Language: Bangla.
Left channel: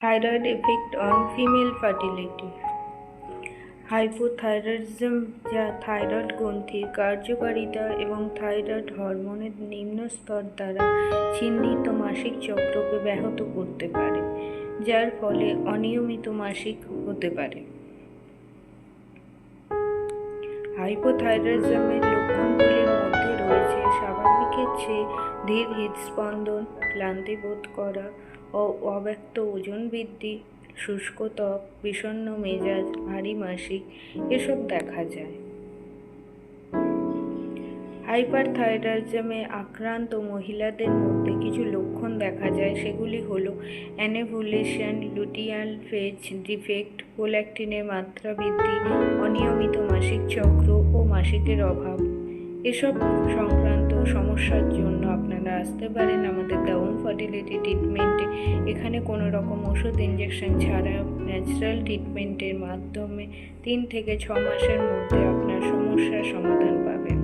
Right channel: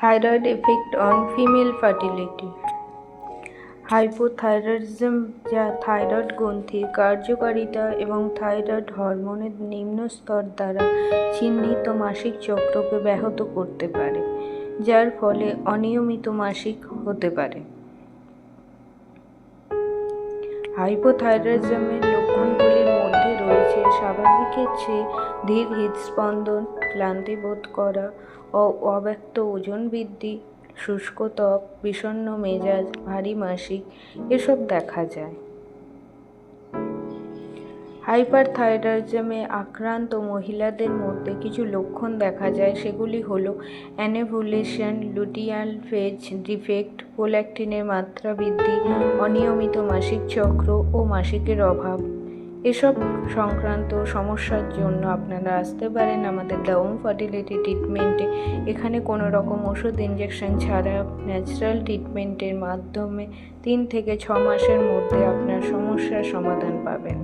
Thyroid effect on female fertility. Hypothyroidism, যা থাইরয়েড গ্রন্থির কার্যকারিতা এবং থাইরয়েড হরমোনের নিম্ন স্তর দ্বারা চিহ্নিত মাসিক চক্রকে ব্যাহত করতে পারে, যার ফলে অনিয়মিত মাসিক হতে পারে। হাইপোথাইরয়েডিজমের লক্ষণগুলির মধ্যে রয়েছে স্বাভাবিকের চেয়ে ধীর হৃদস্পন্দন, ক্লান্তি বোধ করা, অব্যক্ত ওজন বৃদ্ধি, শুষ্ক ত্বক, বিষণ্ণ মেজাজ, ভারী মাসিক এসব দেখা যায়। হাইপারথাইরয়েডিজমে আক্রান্ত মহিলাদের মধ্যে কিছু লক্ষণ দেখা যায়, সেগুলি হলো অ্যানেভুলেশন, লুটিয়াল ফেজ ডিফেক্ট, প্রোল্যাক্টিনের মাত্রা বৃদ্ধি, অনিয়মিত মাসিক চক্র ও মাসিকের অভাব। এসব সংক্রান্ত সমস্যার জন্য আপনারা আসতে পারেন আমাদের দ্য হোম ফার্টিলিটি ট্রিটমেন্টে। এখানে কোনো রকম ওষুধ ইঞ্জেকশন ছাড়া ন্যাচারাল ট্রিটমেন্টের মাধ্যমে 3 থেকে 6 মাসের মধ্যে আপনার সমস্যার সমাধান পাবেন।